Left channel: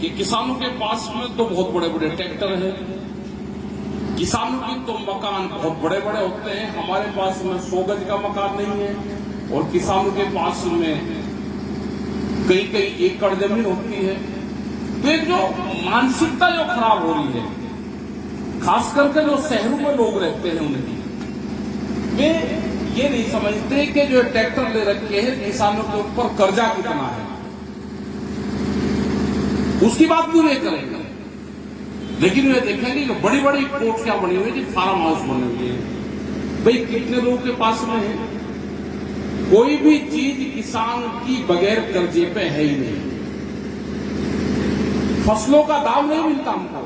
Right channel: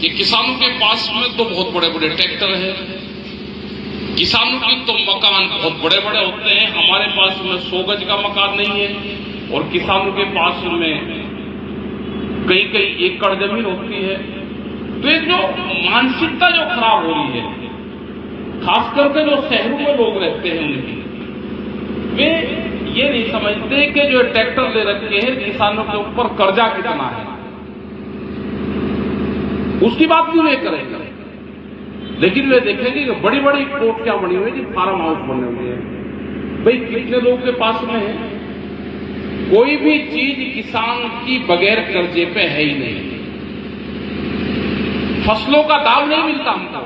कि किसानों के पास में तो बहुत बड़े बड़े ट्रैक्टर हैं, किसानों के तो मकान बहुत बड़े बड़े होते हैं, हमारे पास में 100 गज का मकान नहीं है और किसानों के पास में कई कई एकड़ जमीन होती है। तो एक जो मानसिकता जो खराब हो रही है, खास करके जो शहरों में लोग रहते हैं उनकी, वे ये नहीं समझते कि जो ट्रैक्टर ले रखे हैं किसानों के ऊपर कर्जा कितना है, उसकी बात भी वे करेंगे। लेकिन वे देखेंगे कि बड़ी बड़ी कोठियां बनी हुई है, फार्म हाउस बने हुए हैं। भाई कितने लोगों के पास में है, कोई भी चीज किसान की बगैर कर्जे पे है ही नहीं। फसलों का दाम नहीं मिलता हमको।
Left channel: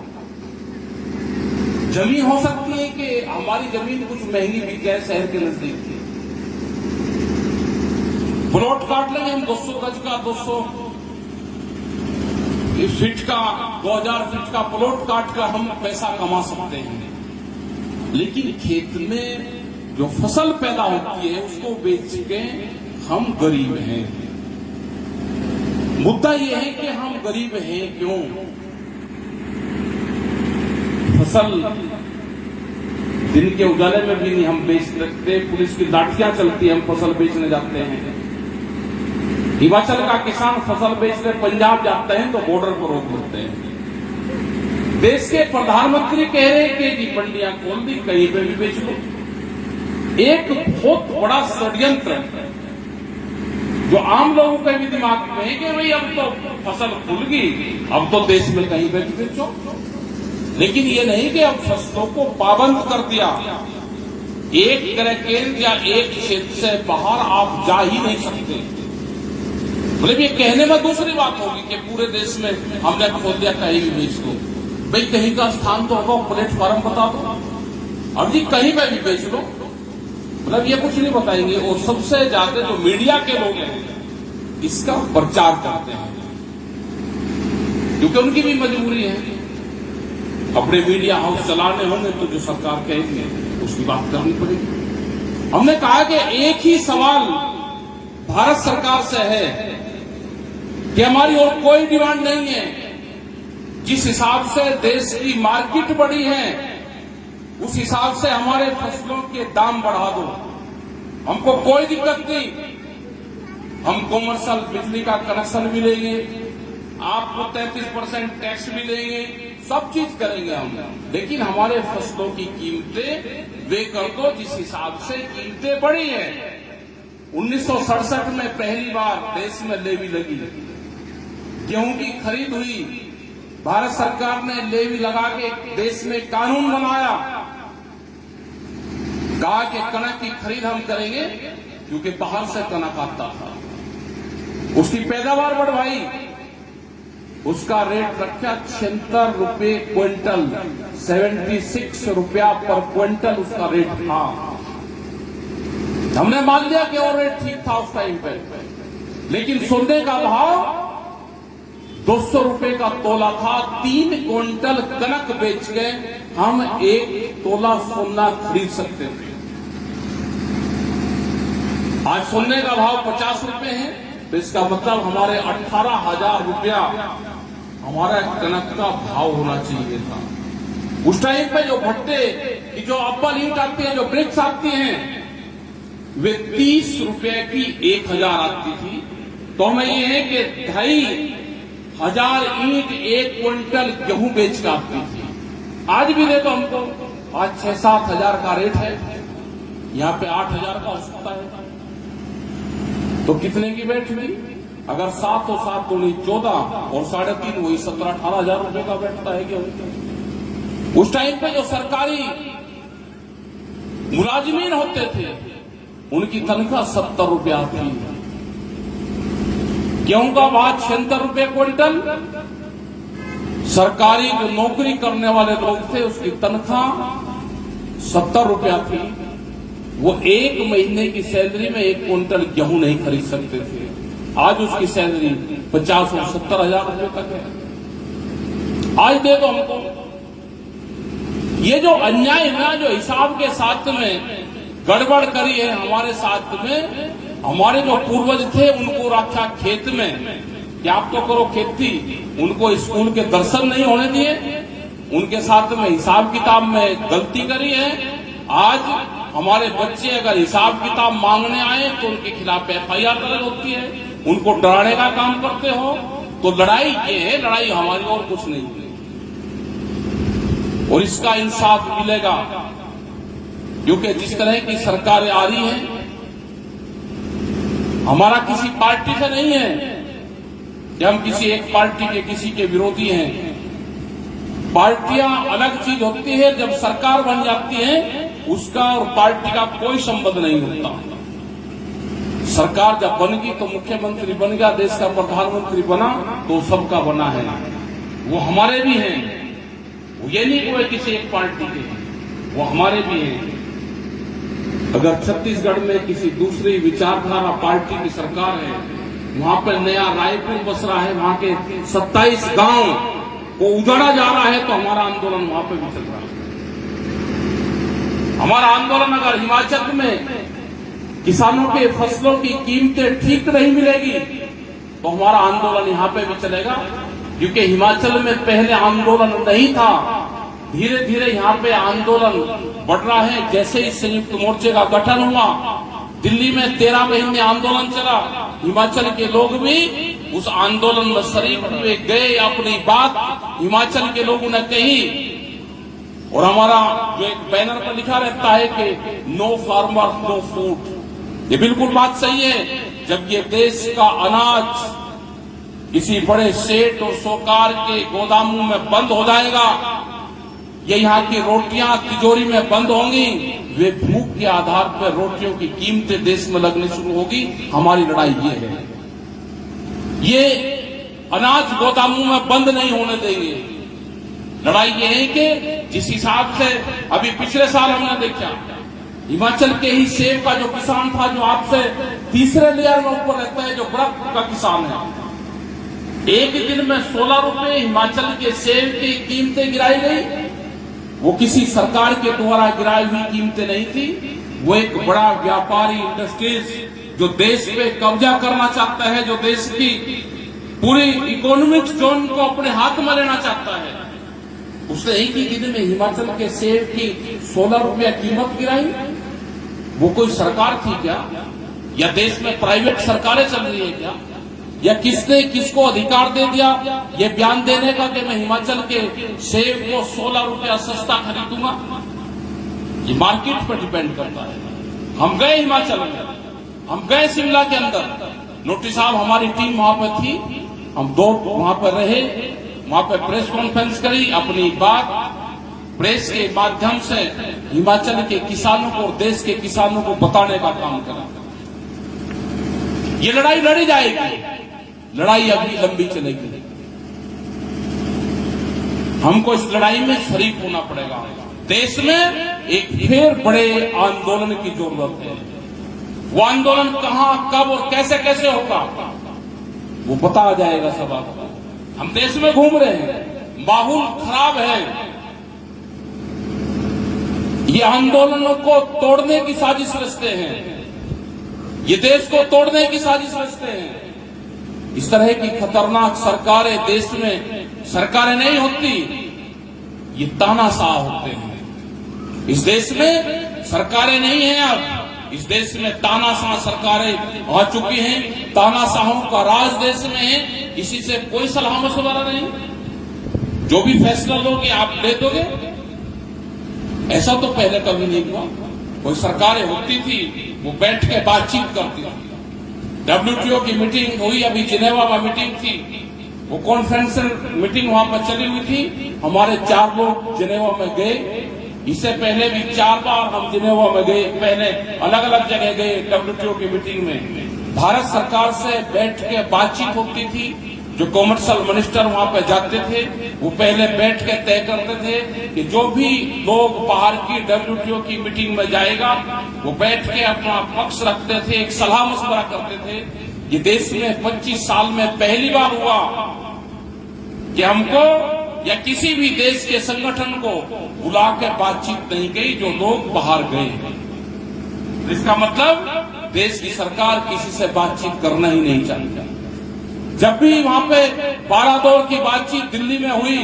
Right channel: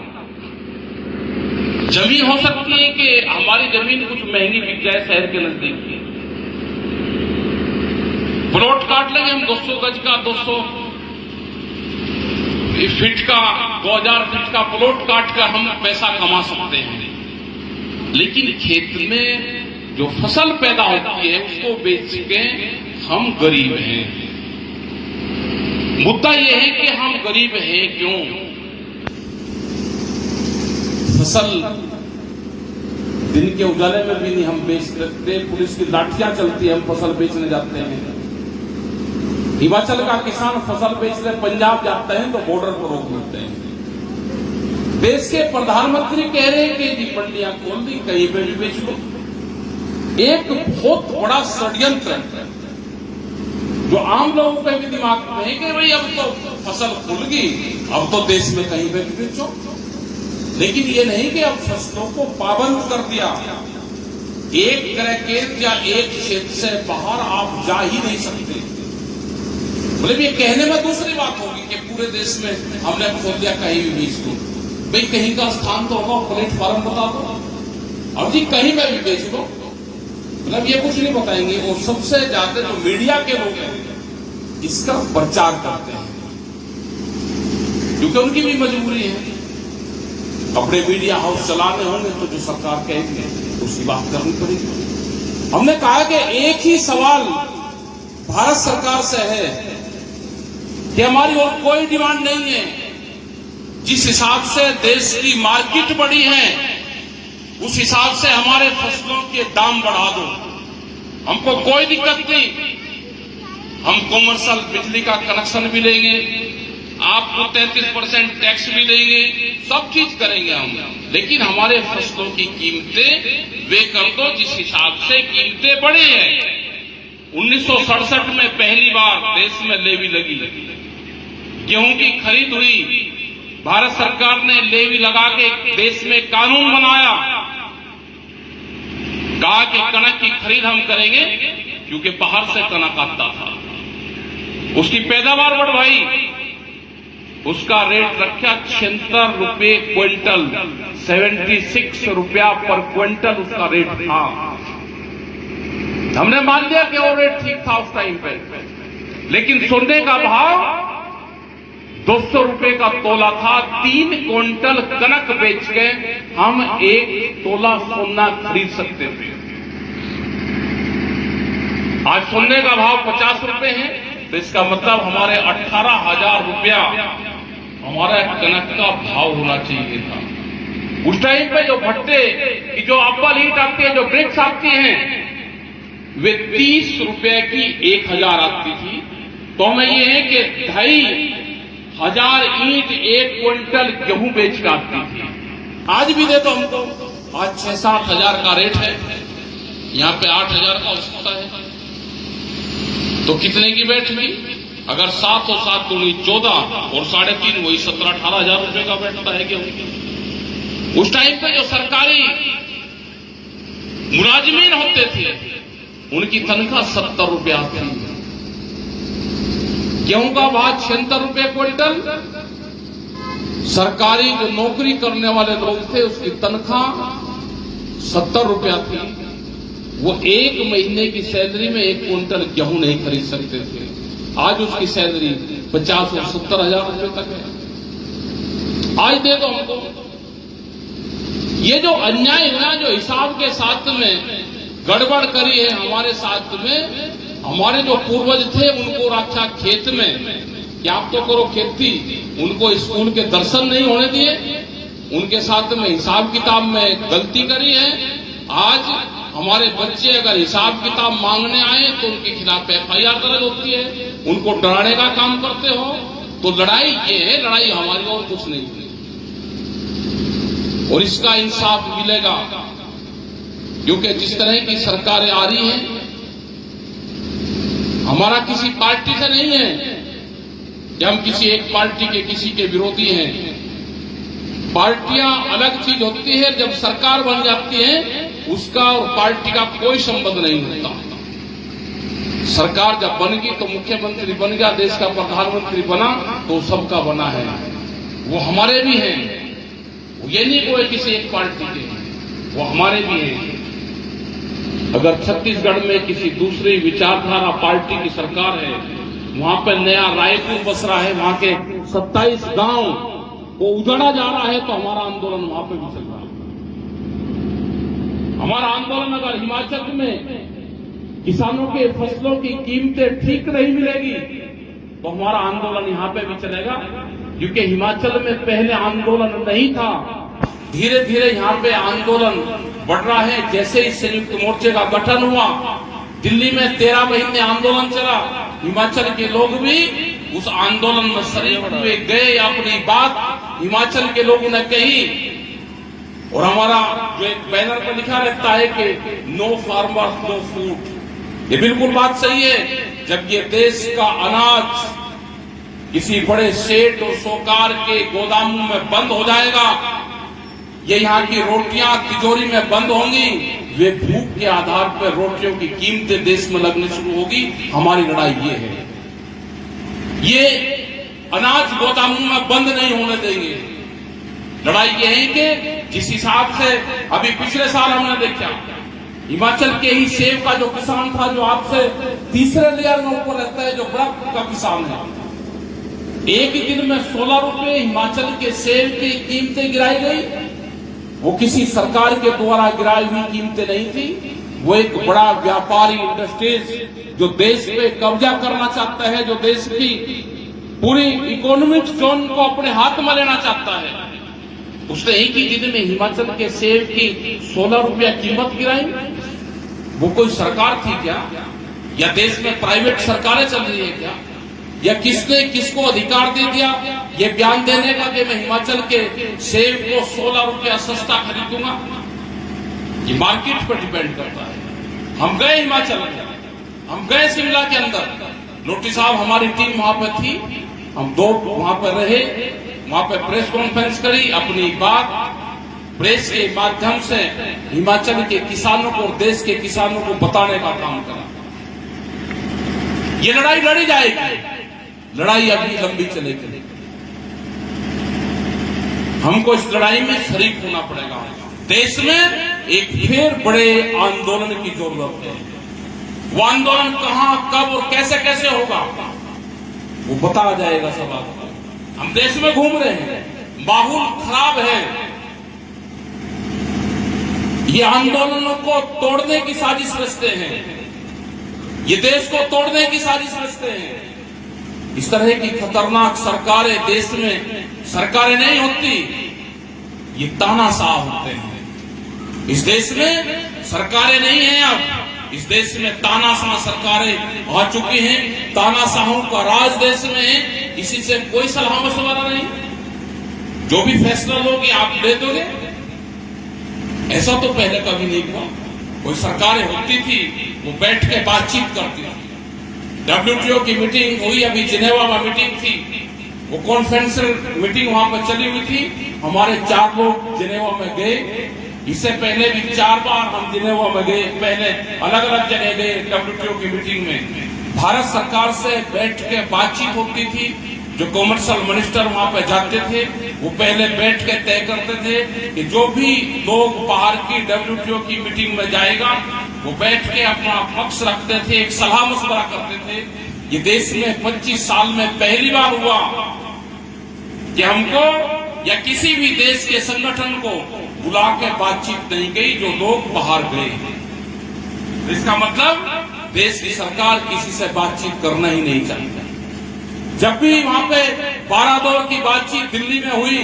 जमीन हो सकती है कि हमारी जमीन कुछ महंगी बिक जाए शहर के नजदीक की, प्लॉट काट लेंगे हम 200 गज का, 200 फीट का, 2000 फीट का प्लॉट काट कर हम पैसा कमा सकते हैं। लेकिन खेत में जो फसल पैदा होती है उसको बेच के हम गरीब हैं। मुद्दा यह है कि हम गरीब हैं क्यों? फसल दिन के उजाले में भी नहीं हम बेच सकते, पुलिस की लाठियां चलती है, हम फसल बेचने जाते हैं। हिमाचल का किसान फसल बेचने पंजाब जाते हैं तो बॉर्डर पर रोक लेते हैं। देश के प्रधानमंत्री कह रहे हैं कि जी मंडियां खोल दी, कहीं पर भी बेच लो। एक बहुत बड़ा षड्यंत्र है जो आम लोगों के भी दिमाग में है कि भाई अब तो फसल खुल गई, अब तो देश में कहीं पर भी बेचो। लेकिन ये नहीं कि अब फसलों को पाबंद कर दिया, एक क्रैकेज या एक क्षेत्र से बाहर आप जा ही नहीं सकते। मतलब ये कहने में दूसरी बात होगी कि पूरे देश में हमने खोल दिया, कहीं भी बेच दो। भाई कहीं का स्थान तो होगा, प्लेटफॉर्म बता दो, अब जी कहीं पर भी बेच दो। मतलब ये कुछ नहीं बताएंगे। और सबसे ज्यादा जो मीडिया के लोग हैं इसका प्रचार करते हैं, क्योंकि उनकी भी मजबूरी है। अपने मीडिया हाउस चलाने होंगे तो जो सरकार कहेगी उसकी बात करनी पड़ेगी। हमने कहा कि एक ही सवाल भारत सरकार से है कि हमारी और कोई डिमांड नहीं है। जिस हिसाब से देश की मार्केट बढ़ी है उस हिसाब से हमारे फसलों के दाम बढ़ा दो, हमको कोई दिक्कत नहीं। हम कॉमर्शियल बिजली का कनेक्शन भी लेंगे, आपको 33% टैक्स भी देंगे, सब चीज करेंगे हम। लेकिन हमारे फसलों की कीमतें वे कर दो जिस हिसाब से कीमतें बढ़ी हैं। 1967 में पहली बार देश में लेवी लगी, गेहूं की खरीद हुई, भारत सरकार ने लेवी लगा के देश में कानून बनाया, कहा कि कनक की खरीद हम करेंगे क्योंकि बाहर से कनक आता था, उसकी पैदावार बढ़वाई, उसका रेट रखा 76 रुपये क्विंटल, 76 रुपया पर क्विंटल उसका रेट था। हमने मान लिया कि वो रेट ठीक था उस टाइम पे। लेकिन सोने का भाव 200 रुपए का तोला था। 3 क्विंटल कनक बेच के हम 1 तोला सोना खरीद सकते थे। आज सोने का भाव 50 रुपए है, तो इसका मतलब हमारे 18,000 रुपया हमारा कनक का भाव होना चाहिए था। उस टाइम पे जो भट्टे की जो अप्पल ईंट आती है, जो ब्रिक्स आती हैं, वे 30 रुपए की 1000 आती थी। तो हमें ये है कि 2,500 ईंट 1 क्विंटल गेहूं बेच के आती थी। आज भी दे दो हमको, आज 6-7 हजार का रेट है, यहाँ पे 8,000 का हो सकता है। तो कितने की बैठ हुई? अगर 7 और 7 दूनी 14 और 3.5 वही 17-18 हजार रुपए का बैठता है गेहूं। उस टाइम पे जो सरकारी मुलाजिमीन होते थे उनकी तनख्वाह 70 रुपया थी। गेहूं का भाव 76 रुपये क्विंटल। सरकारी जो नौकरी करने वाले लोग थे उसकी तनख्वाह 70 रुपया थी। वो 1 महीने की सैलरी में 1 क्विंटल गेहूं नहीं खरीद सकते थे। आज उसकी सैलरी 50 और 70 हजार रुपए तक है। आज दे दो हमको। ये जो अन्याय है, जो हिसाब के साथ में गड़बड़ करी है हमारे साथ में, हमारे जो पूर्वज थे उनको रखा खेत में, कि आप तो करो खेती, उनको स्कूल के दर्शन नहीं होने दिए, उनके साथ में हिसाब किताब में गलती करी है। आज हमारे बच्चे अगर हिसाब किताब मांगने आए तो उनके खिलाफ FIR दर्ज होती है, उनको डराने का काम करते हो। तो लड़ाई ये है, लड़ाई हमारी और कुछ नहीं है, और इसका इंसाफ मिलेगा। क्योंकि जिस तरह की सरकारें आ रही हैं, हमारा किसी पार्टी से नहीं है कि हम किसी एक पार्टी के किसी के विरोधी हैं। पार्टियां अलग चीज होती है, जब सरकार बन जाती है उसका और पार्टी का कोई संबंध नहीं होता। सरकार जब बनेगी तो मुख्यमंत्री बन गया, देश का प्रधानमंत्री बना तो सबका बना है, वो हमारे भी हैं। ये नहीं कोई किसी एक पार्टी के, वो हमारे भी हैं। अगर छत्तीसगढ़ में किसी दूसरी विचारधारा पार्टी की सरकार है, वहां पे नया रायपुर बस रहा है, वहां के 27 गांव को उजाड़ा जा रहा है, तो हमारा आंदोलन वहां पे भी चल रहा है। हमारा आंदोलन अगर हिमाचल में किसानों के फसलों की कीमतें ठीक नहीं मिलेगी तो हमारा आंदोलन यहां पे भी चलेगा। क्योंकि हिमाचल में पहले आंदोलन नहीं था, धीरे धीरे यहां पे आंदोलन बढ़ रहा है। जैसे ही संयुक्त मोर्चे का गठन हुआ, दिल्ली में 13 महीने आंदोलन चला, हिमाचल के लोग भी उस आंदोलन में शरीक हुए, गए, अपनी बात हिमाचल के लोगों ने कही। और हमारा जो एक बैनर पर लिखा रहता है कि नो फार्मर नो फूड, ये बिल्कुल बात सही है। जब ये देश का अनाज किसी बड़े सेठ और साहूकार के गोदामों में बंद हो जाएगा, ये यहाँ की रोटियां तिजोरी में बंद होंगी, वे भूख के आधार पर रोटियों की कीमतें देश में लगने शुरू होगी। हमारी लड़ाई ये है, ये अनाज गोदामों में बंद नहीं होने देंगे। लड़ाई ये है कि जिस हिसाब से अभी पिछले साल हमने देखा, हिमाचल के ही सेब का जो किसान था, जो आपसे तीसरे लेयर में ऊपर रहता है, जो बर्फ का किसान है, एक ही दिन में 16 रुपए हिमाचल के सेब की कीमतें गिराई गई। वो किसी सरकार के द्वारा गिराई हुई कीमतें नहीं थी, वो एक बड़ा व्यापारी इंडस्ट्रीज जो देश पे कब्जा करना चाहता है, जो देश की पूरी इकोनॉमिक जोन को अपने हाथ में लेना चाहता है, उसने एक ही दिन में हिमाचल के सेब की 16 रुपया कीमत गिराई। वो कोई सरकार थी क्या, या देश में प्राइवेट सरकारें चल रही है क्या, या किसने किसको अधिकार दे दिया ये बयान देने का कि मैं हिमाचल के सेब को 16 रुपया सस्ता खरीदूंगा? ये मार्केट पर डिपेंड करता है। हम गए हिमाचल में, हम गए शिमला के अंदर, नोटिस साहब हमारी टीम वहां पर थी, हम 2 वहां पर रहे, वहां पर प्रेस कॉन्फ्रेंस करी, अपनी बात प्रेस के माध्यम से हिमाचल के किसानों को, देश के किसानों को बताने का काम करा। ये लड़ाई लड़ी जाएगी, लड़ाई अभी लंबी चलेगी, हमको इस लड़ाई में शरीक होना पड़ेगा। देश में एक फिर बड़े आंदोलन की जरूरत है। वो आंदोलन कहां, कब और कैसे कैसे होगा वो बताया जाएगा सब आपको। हम देश में घूम रहे हैं, माहौल खराब है, ये आंदोलनों को तोड़ने की साजिश रचते हैं, ये देश को तोड़ने की साजिश रचते हैं। इस तरह की खतरनाक सरकारें देश में सरकारें नहीं होती, ये तानाशाह होते हैं। इस देश में सरकारें नहीं हैं, अब इस देश में तानाशाह सरकारें आ चुकी हैं, तानाशाहों का राज देश में है, किसी से कोई सलाह मशवरा नहीं, जो भी फैसला लोगे आप ले दोगे। ऐसा तो पहले कभी नहीं हुआ। कोई सरकारें होती थी, वो बैठ के बातचीत करती थी। WTO की मीटिंग हुई, अभी जिनेवा में मीटिंग थी, वो कॉन्फ्रेंशियल मीटिंग वहां पर चली हुई थी, हमारे 4 लोग जिनेवा में गए। इससे पहले भी 4 बार हम जिनेवा में गए, पहले अलग अलग जगह गए WTO की मीटिंग में। भारत सरकार से बैठ के बातचीत होती थी, जो कॉमर्शियल मिनिस्टर वहां पर जाते थे वो पहले बैठ के तय करते थे कि जो भी लोग बाहर की WTO की मीटिंग में जाएगा वो बैठ के अपना पक्ष रखते थे, एक सलाह मशवरा करते थे। ये देश में 25 साल में पहली बार हुआ कि हमको या किसी भी देश के संगठन को बुला के बातचीत नहीं गई, जो लोग बाहर गए। इसका मतलब देश की सरकार किसी से बातचीत करना ही नहीं चाहती। जब भी वहां पे 12 दौर की बातचीत दिल्ली में हुई,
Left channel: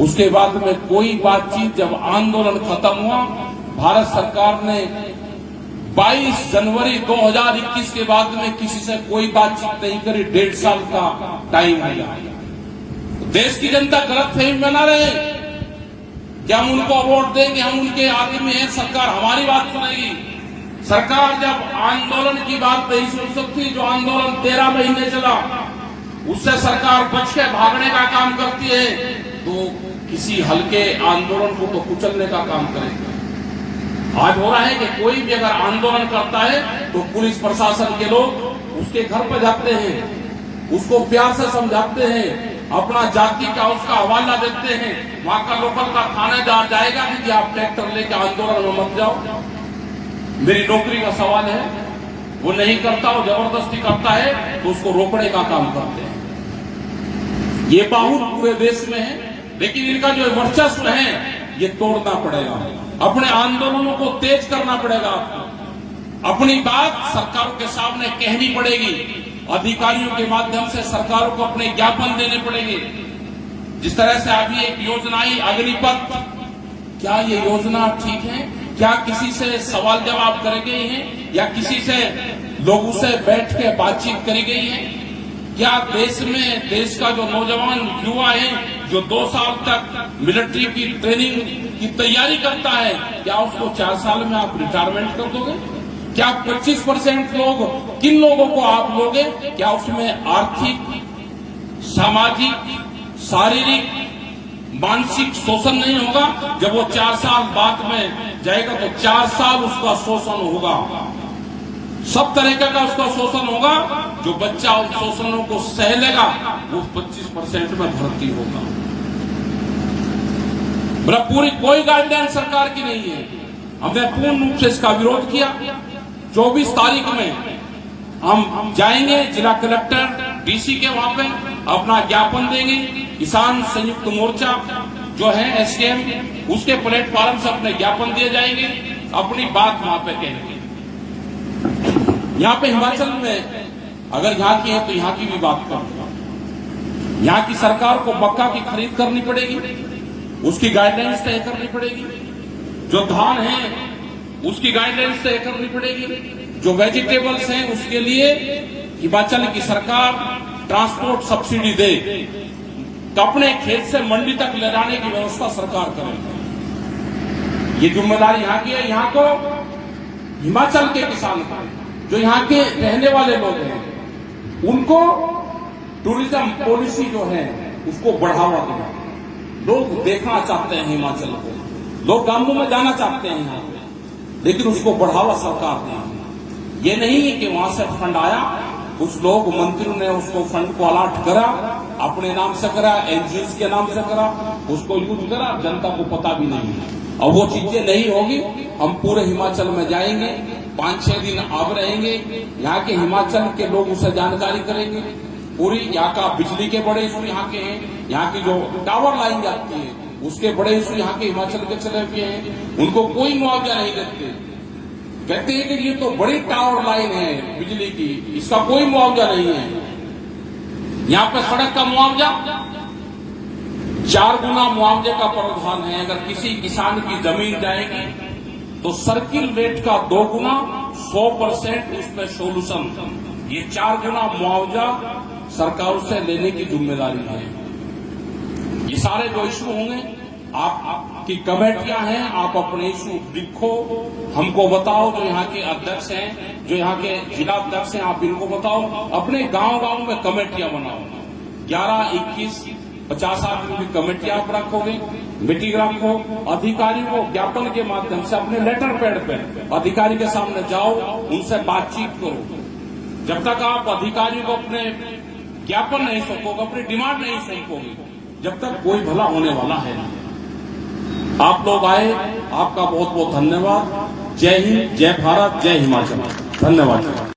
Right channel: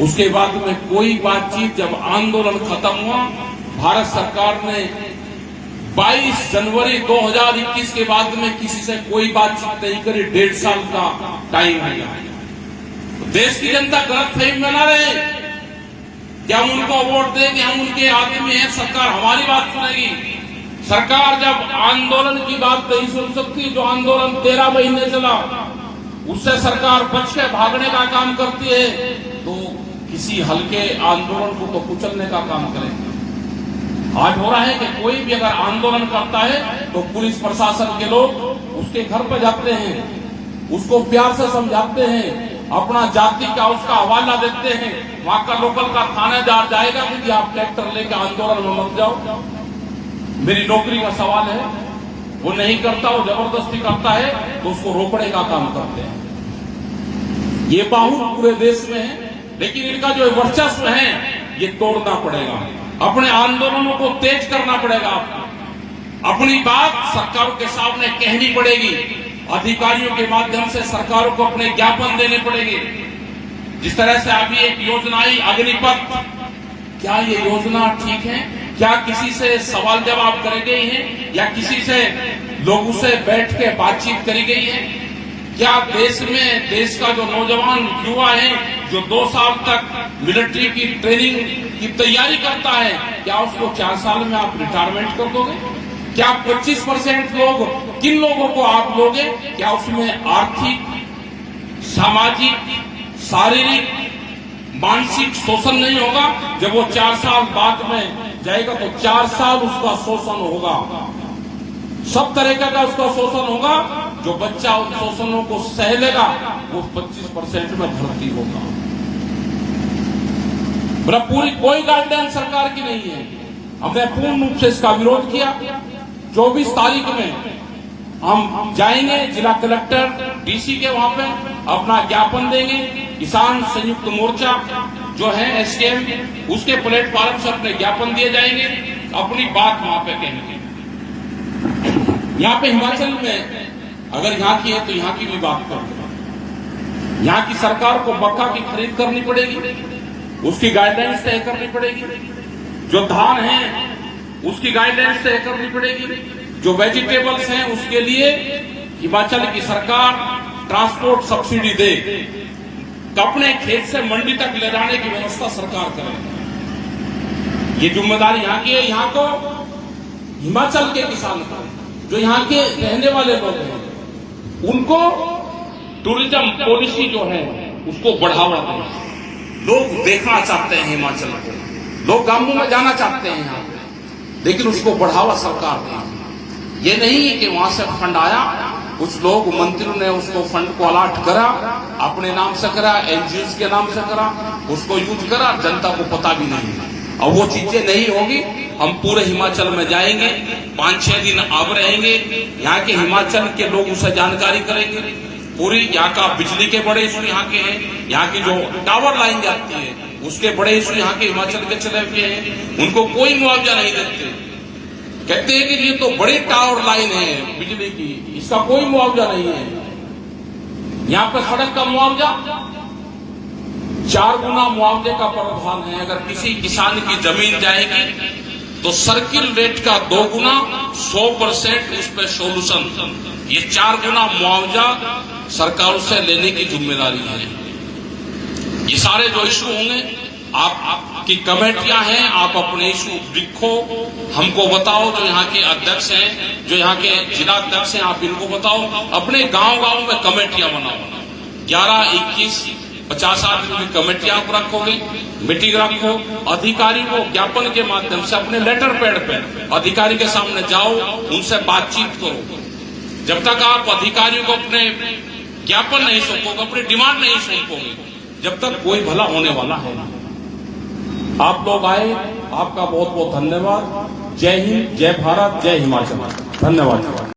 उसके बाद में कोई बातचीत, जब आंदोलन खत्म हुआ, भारत सरकार ने 22 जनवरी 2021 के बाद में किसी से कोई बातचीत नहीं करी। 1.5 साल का टाइम है। देश की जनता गलतफहमी बना रहे कि हम उनको वोट देंगे, हम उनके आदमी हैं, सरकार हमारी बात सुनेगी। सरकार जब आंदोलन की बात नहीं सुन सकती, जो आंदोलन 13 महीने चला, उससे सरकार बच के भागने का काम करती है, तो किसी हल्के आंदोलन को तो कुचलने का काम करेगी। आज हो रहा है कि कोई भी अगर आंदोलन करता है तो पुलिस प्रशासन के लोग उसके घर पर जाते हैं, उसको प्यार से समझाते हैं, अपना जाति का उसका हवाला देते हैं। वहां का लोकल का थानेदार जाएगा कि आप ट्रैक्टर लेकर आंदोलन में मत जाओ, मेरी नौकरी का सवाल है। वो नहीं करता, वो जबरदस्ती करता है तो उसको रोकने का काम करते हैं। ये बाहुल पूरे देश में है, लेकिन इनका जो वर्चस्व है ये तोड़ना पड़ेगा। अपने आंदोलनों को तेज करना पड़ेगा। आपको अपनी बात सरकारों के सामने कहनी पड़ेगी। अधिकारियों के माध्यम से सरकारों को अपने ज्ञापन देने पड़ेंगे। जिस तरह से अभी एक योजना आई अग्निपथ, क्या ये योजना ठीक है? क्या किसी से सवाल जवाब करे गई है या किसी से लोगों से बैठ के बातचीत करी गई है? क्या देश में देश का जो नौजवान युवा है, जो 2 साल तक मिलिट्री की ट्रेनिंग की तैयारी करता है, क्या उसको 4 साल में आप रिटायरमेंट कर दोगे? क्या 25% लोग, किन लोगों को आप लोगे? क्या उसमें आर्थिक, सामाजिक, शारीरिक, मानसिक शोषण नहीं होगा? जब वो 4 साल बाद में जाएगा तो 4 साल उसका शोषण होगा, सब तरीके का उसका शोषण होगा। जो बच्चा उन शोषणों को सह लेगा वो 25% में भर्ती होगा। मेरा पूरी कोई गाइडलाइन सरकार की नहीं है। हमने पूर्ण रूप से इसका विरोध किया। 24 तारीख में हम जाएंगे जिला कलेक्टर डीसी के वहां पे अपना ज्ञापन देंगे। किसान संयुक्त मोर्चा जो है एसकेएम, उसके प्लेटफॉर्म से अपने ज्ञापन दिए जाएंगे, अपनी बात वहां पे कहेंगे। यहाँ पे हिमाचल में अगर यहाँ की है तो यहाँ की भी बात करेंगे। यहाँ की सरकार को मक्का की खरीद करनी पड़ेगी, उसकी गाइडलाइंस तय करनी पड़ेगी। जो धान है उसकी गाइडलाइंस तय करनी पड़ेगी। जो वेजिटेबल्स हैं उसके लिए हिमाचल की सरकार ट्रांसपोर्ट सब्सिडी दे, तो अपने खेत से मंडी तक ले जाने की व्यवस्था सरकार करे। ये जिम्मेदारी यहाँ की है। यहाँ को हिमाचल के किसान को, जो यहाँ के रहने वाले लोग हैं, उनको टूरिज्म पॉलिसी जो है उसको बढ़ावा दें। लोग देखना चाहते हैं हिमाचल को, लोग गांवों में जाना चाहते हैं यहाँ, लेकिन उसको बढ़ावा सरकार दे। ये नहीं है कि वहां से फंड आया, कुछ लोग मंत्रियों ने उसको फंड को अलॉट करा, अपने नाम से करा, एनजीओ के नाम से करा, उसको यूज करा, जनता को पता भी नहीं। अब वो चीजें नहीं होगी। हम पूरे हिमाचल में जाएंगे, 5-6 दिन अब रहेंगे, यहाँ के हिमाचल के लोग उसे जानकारी करेंगे। पूरी यहाँ का बिजली के बड़े इशू यहाँ के हैं, यहाँ की जो टावर लाइन जाती है उसके बड़े इशू यहाँ के हिमाचल के चले हुए हैं। उनको कोई मुआवजा नहीं देते, कहते हैं कि ये तो बड़ी टावर लाइन है बिजली की, इसका कोई मुआवजा नहीं है। यहाँ पे सड़क का मुआवजा 4 गुना मुआवजे का प्रावधान है। अगर किसी किसान की जमीन जाएगी तो सर्किल रेट का 2 गुना 100% उस पर सोल्यूशन, ये 4 गुना मुआवजा सरकारों से लेने की जिम्मेदारी है। ये सारे जो इशू होंगे, आपकी कमेटियां हैं, आप अपने इशू लिखो, हमको बताओ। जो यहाँ के अध्यक्ष हैं, जो यहाँ के जिला अध्यक्ष हैं, आप इनको बताओ। अपने गांव-गांव में कमेटियां बनाओ। 11, 21, 50 आदमी की कमेटियां आप रखोगे, मीटिंग रखो। अधिकारी को ज्ञापन के माध्यम से अपने लेटर पैड पे अधिकारी के सामने जाओ, उनसे बातचीत करो। जब तक आप अधिकारियों को अपने ज्ञापन नहीं सौंपोगे, अपनी डिमांड नहीं सौंपोगे, जब तक कोई भला होने वाला है नहीं। आप लोग आए, आपका बहुत बहुत धन्यवाद। जय हिंद, जय भारत, जय हिमाचल। धन्यवाद।